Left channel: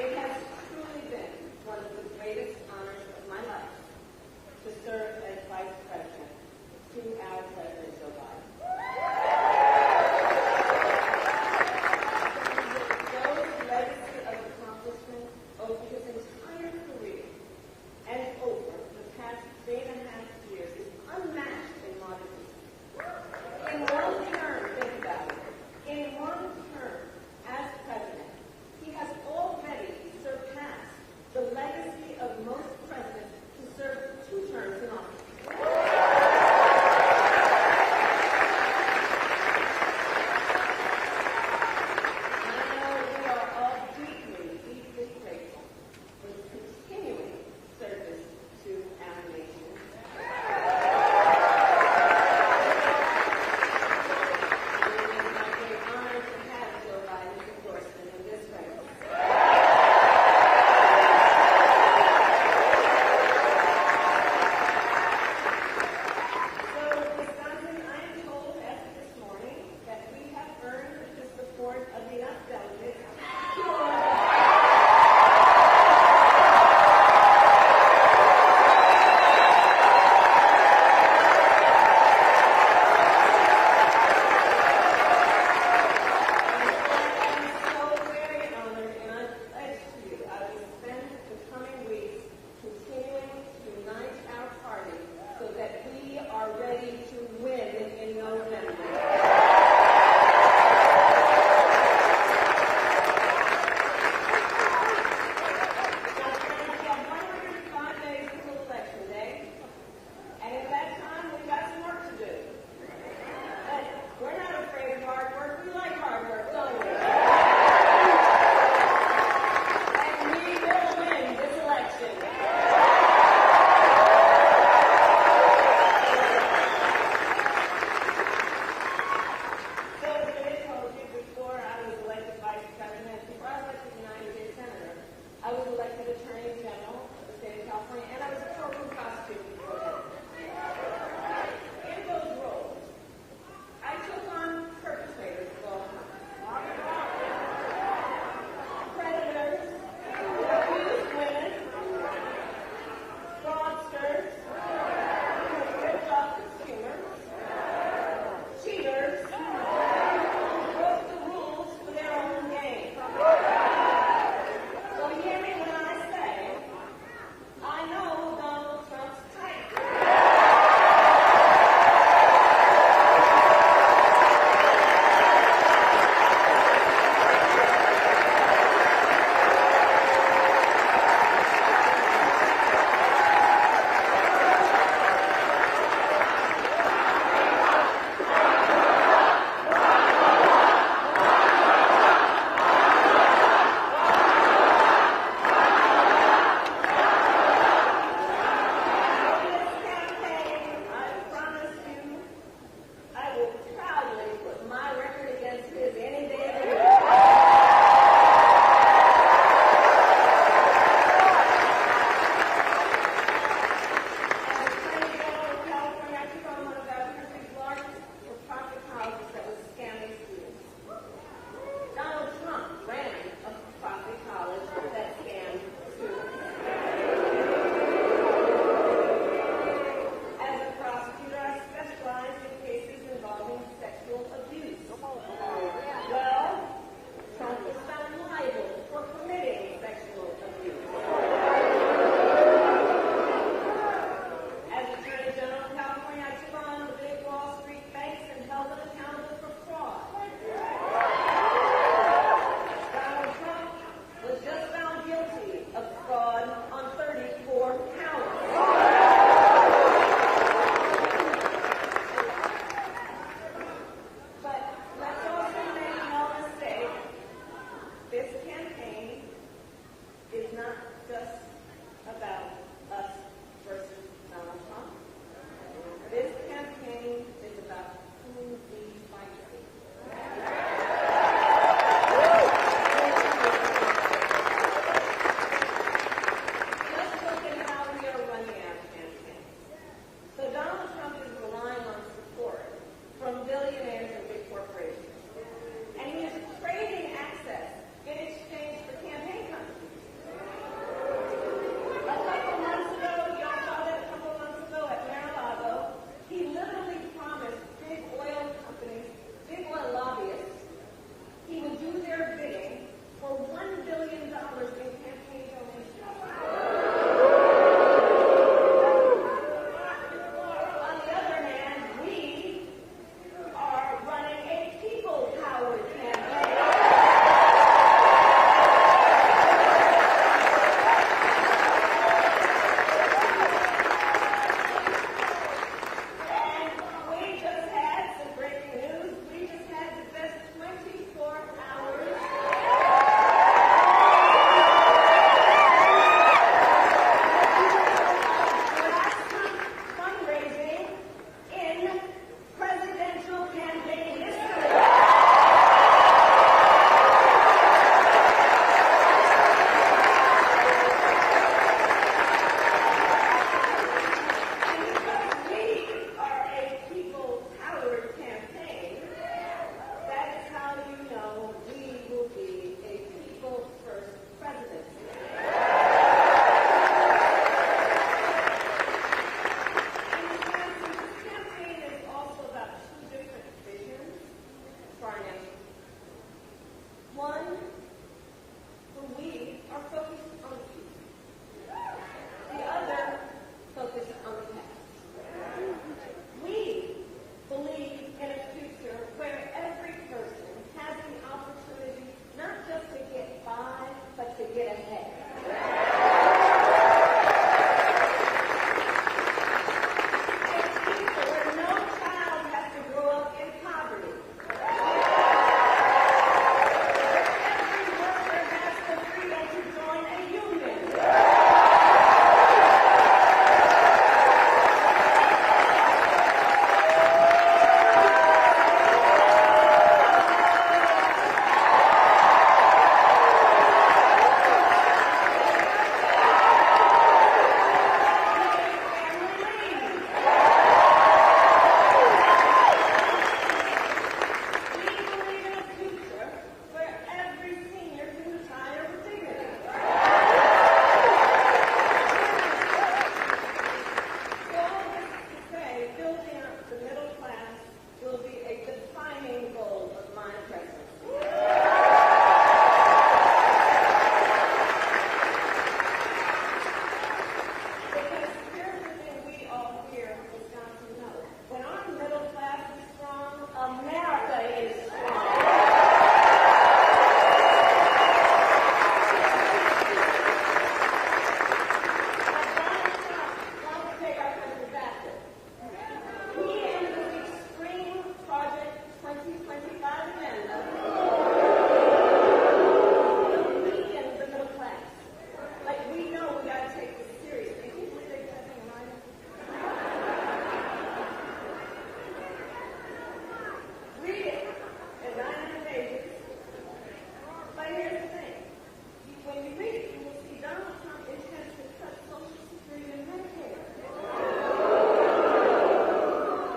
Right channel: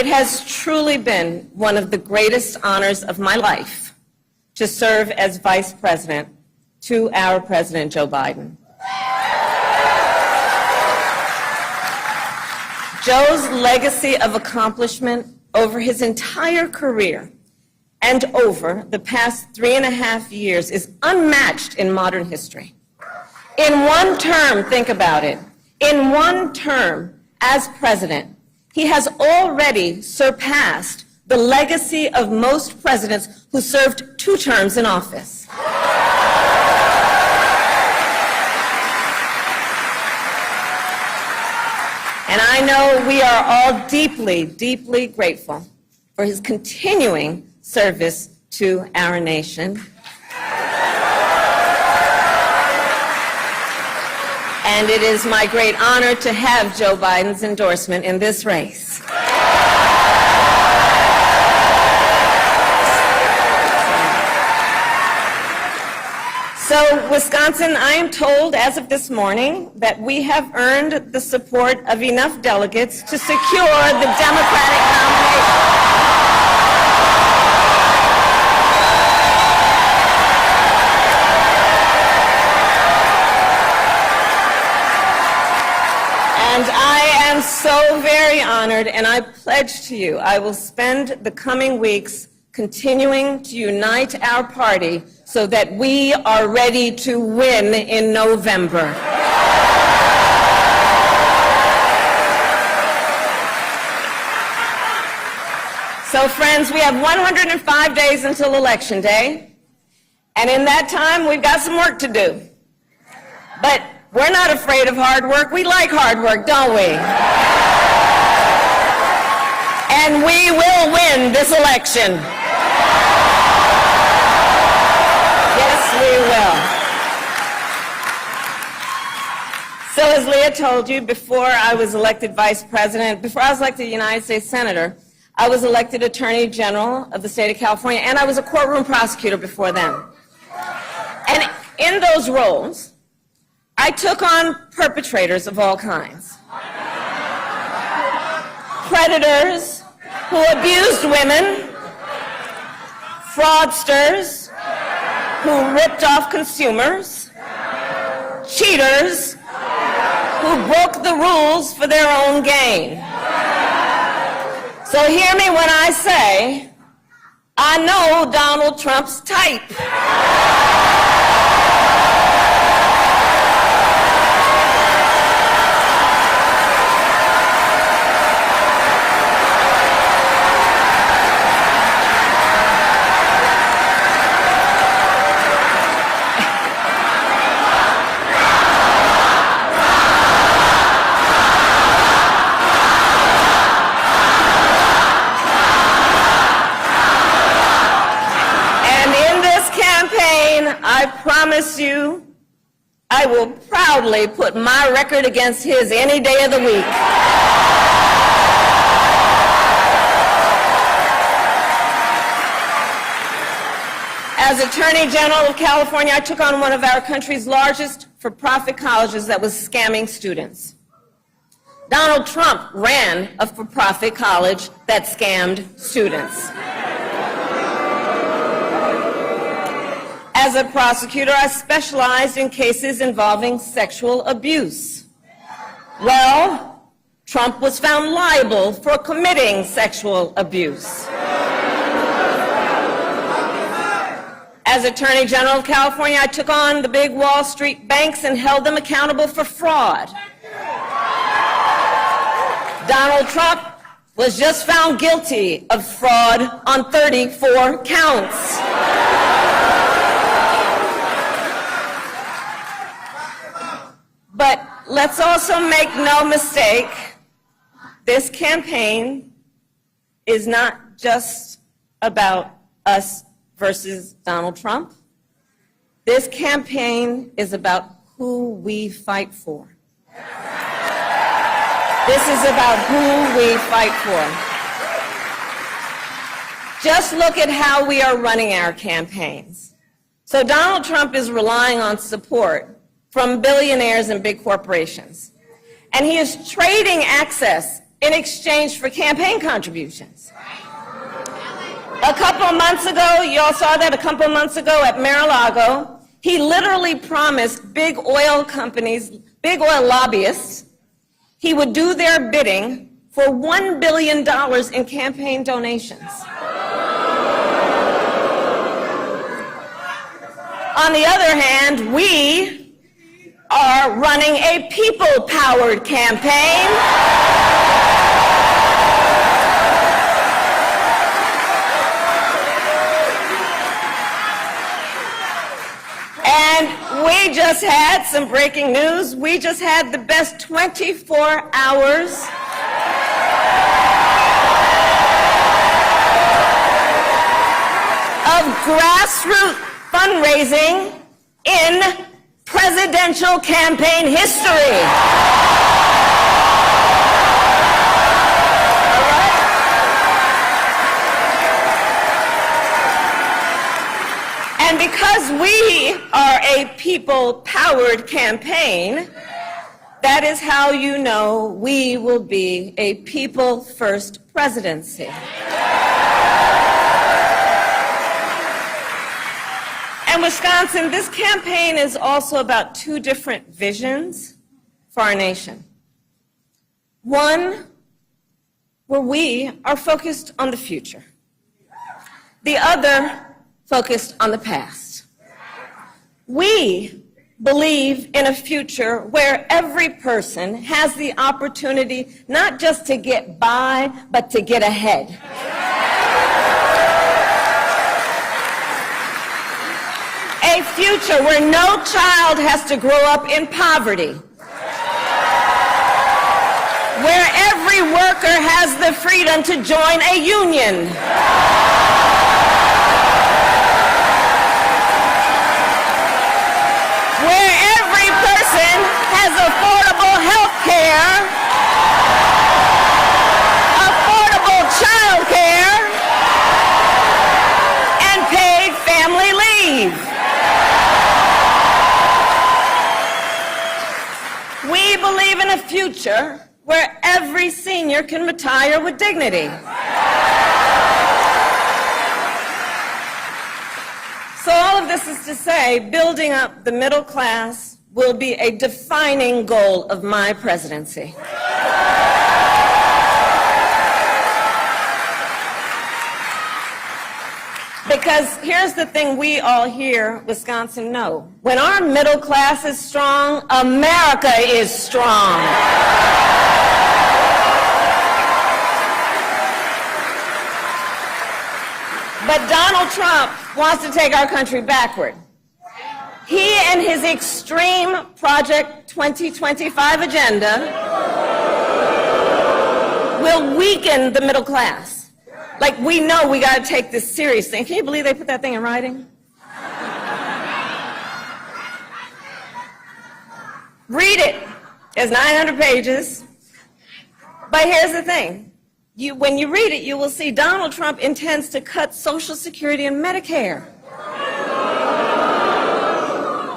It has truly been one of the greatest honors of my life to serve as Vice President to our President, Joe Biden. Joe's legacy of accomplishment over his entire career and over the past 3.5 years is unmatched in modern history. In one term, think about it, in one term as president, he has already surpassed the legacy of most presidents who served 2 terms in office. And I know we are all deeply, deeply grateful for his continuing service to our nation. And it is my great honor to have Joe Biden's endorsement in this race. So, Wisconsin, I am told as of this morning that we have earned the support of enough delegates to secure the Democratic nomination. And I am so very honored, and I pledge to you I will spend the coming weeks continuing to unite our party so that we are ready to win in November. So, friends, we have 105 days until Election Day, and in that time, we've got some work to do. But we're not afraid of hard work. We like hard work, don't we? And we will win this election. So as Leah told you, before I was elected Vice President, before I was elected United States Senator, I was elected Attorney General of the state of California, and I was a courtroom prosecutor before then. And in those roles, I took on perpetrators of all kinds. Predators who abused women, fraudsters who ripped off consumers, cheaters who broke the rules for their own gain. So hear me when I say, I know Donald Trump's type. I promise you, I will proudly put my record against his any day of the week. As Attorney General of California, I took on one of our country's largest for-profit colleges that was scamming students. Donald Trump ran a for-profit college that scammed students. As a prosecutor, I specialized in cases involving sexual abuse. Well, Trump was found liable for committing sexual abuse. As Attorney General of California, I took on the big Wall Street banks and held them accountable for fraud. Donald Trump was just found guilty of fraud on 34 counts. But let's also make no mistake, this campaign is not just about us versus Donald Trump. This campaign is about who we fight for. This is about who we fight for. Just look at how we are running our campaigns. So Donald Trump is relying on support from billionaires and big corporations. And he is trading access in exchange for campaign contributions. A couple of months ago, you all saw that a couple of months ago at Mar-a-Lago, he literally promised big oil companies, big oil lobbyists, he would do their bidding for $1 billion in campaign donations. On the other hand, we are running a people-powered campaign. And we just had some breaking news. We just had the best 24 hours of grassroots fundraising in presidential campaign history. And because we are a people-powered campaign, that is how you know we will be a people-first presidency. And Wisconsin, this campaign is also about two different visions for our nation. One, where we are focused on the future. The other, focused on the past. We believe in a future where every person has the opportunity not just to get by, but to get ahead. A future where no child has to grow up in poverty. Where every worker has the freedom to join a union. Where every person has affordable health care, affordable child care, and paid family leave. We believe in a future where every senior can retire with dignity. So all of this is to say, building up the middle class will be a defining goal of my presidency. Because here's the thing we all here, Wisconsin, know. When our middle class is strong, America is strong. But Donald Trump wants to take our country backward. He and his extreme Project 2025 agenda will weaken the middle class. Like, we know we got to take this seriously. And can you believe they put that thing in writing? Read it. It's 900 pages. But here's the thing. When you read it, you will see Donald Trump intends to cut Social Security and Medicare.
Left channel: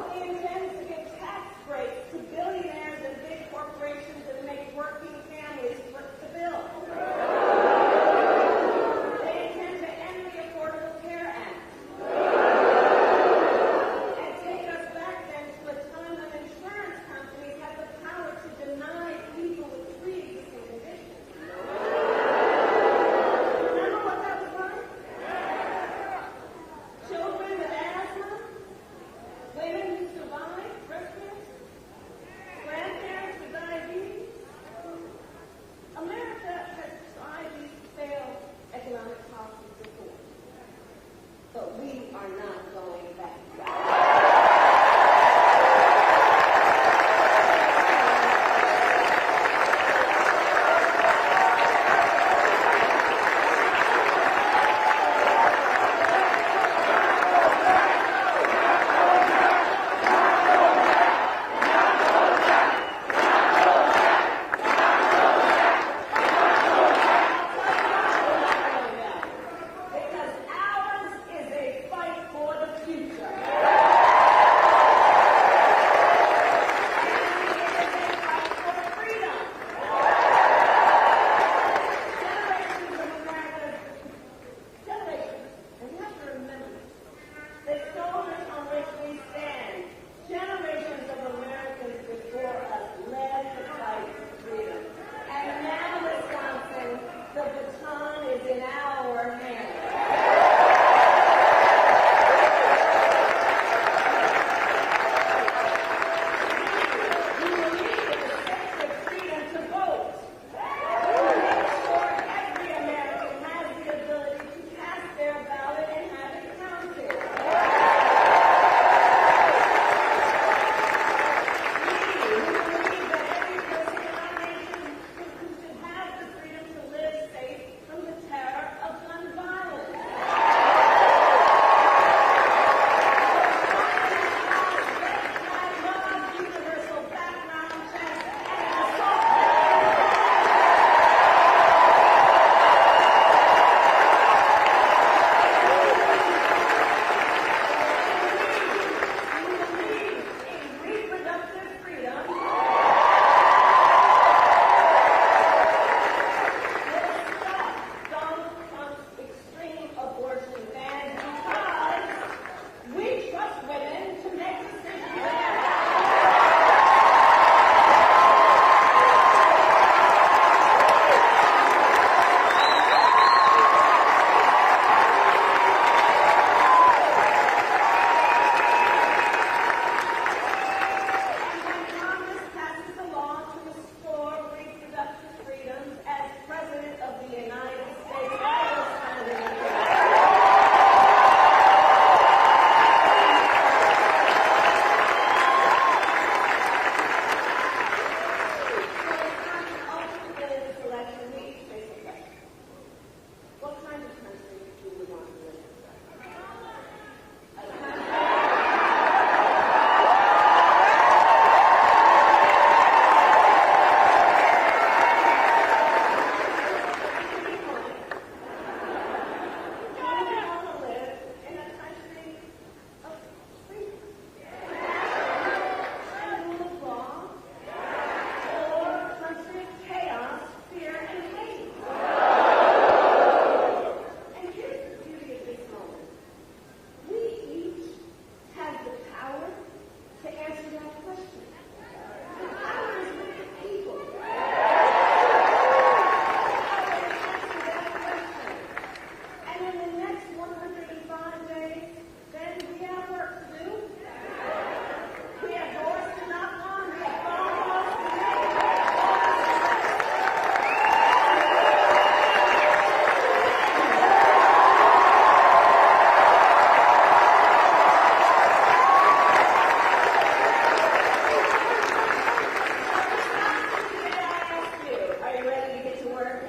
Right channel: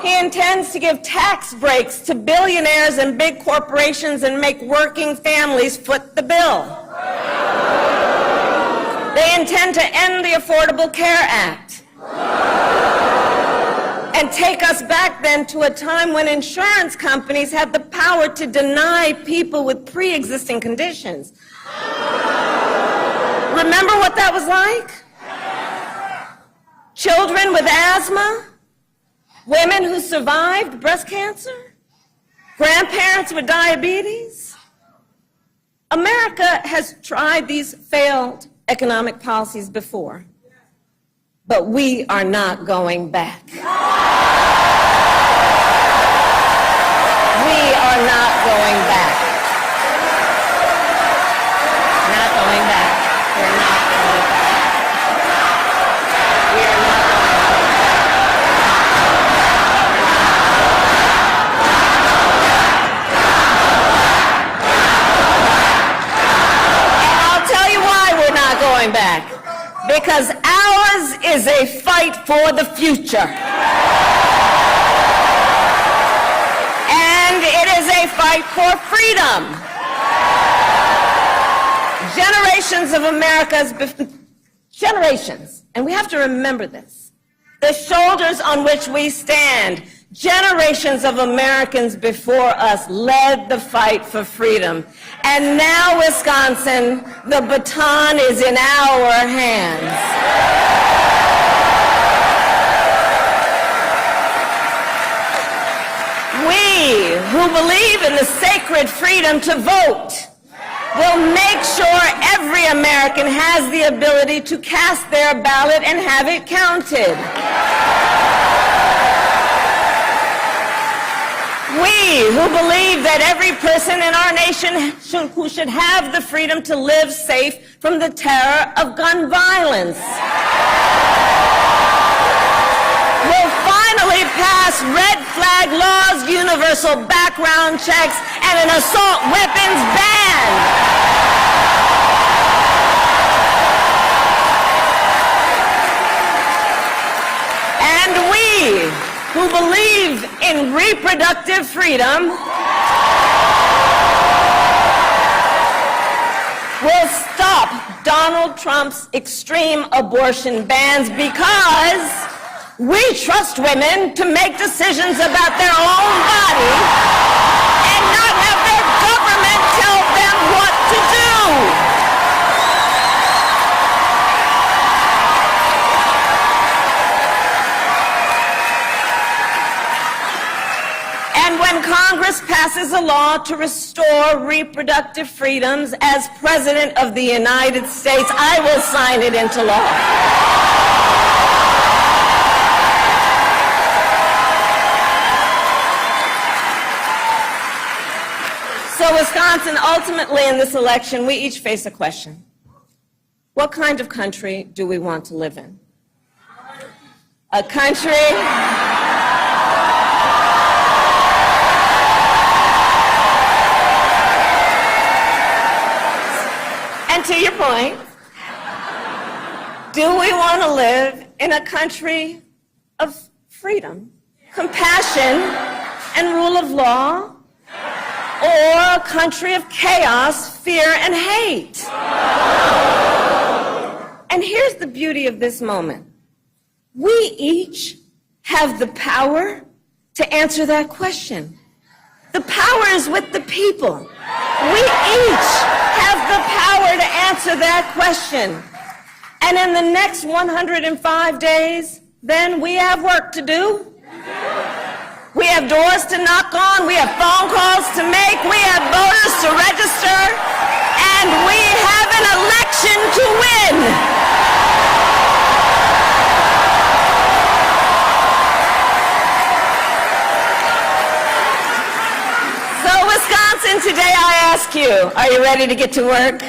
He intends to give tax breaks to billionaires and big corporations and make working families foot the bill. They intend to end the Affordable Care Act and take us back then to a time when insurance companies had the power to deny people with pre-existing conditions. Remember what that was like? Children with asthma, women who survived breast cancer, grandparents with diabetes. America has tried these failed economic policies before, but we are not going back. We are not going back. Not going back. We're not going back. We are not And I'll tell you why we're not going back. Because ours is a fight for the future. And it is a fight for freedom. Generations of generations, and we have to remember this, the shoulders on which we stand, generations of Americans before us led the fight for freedom. And now, Wisconsin, the baton is in our hands. We who believe in the sacred freedom to vote will make sure every American has the ability to cast their ballot and have it counted. We who believe that every person in our nation who should have the freedom to live safe from the terror of gun violence will finally pass red flag laws, universal background checks, and an assault weapons ban. Who believe in reproductive freedom will stop Donald Trump's extreme abortion bans because we trust women to make decisions about their own body and not have their government tell them what to do. And when Congress passes a law to restore reproductive freedoms, as President of the United States, I will sign it into law. So, Wisconsin, ultimately in this election, we each face a question. What kind of country do we want to live in? A country and to your point, do we want to live in a country of freedom, compassion, and rule of law, or a country of chaos, fear, and hate? And here's the beauty of this moment. We each have the power to answer that question. The power is with the people. We each have the power to answer that question. And in the next 105 days, then we have work to do. We have doors to knock on, we have phone calls to make, we have voters to register, and we have an election to win. So, Wisconsin, today I ask you, are you ready to get to work?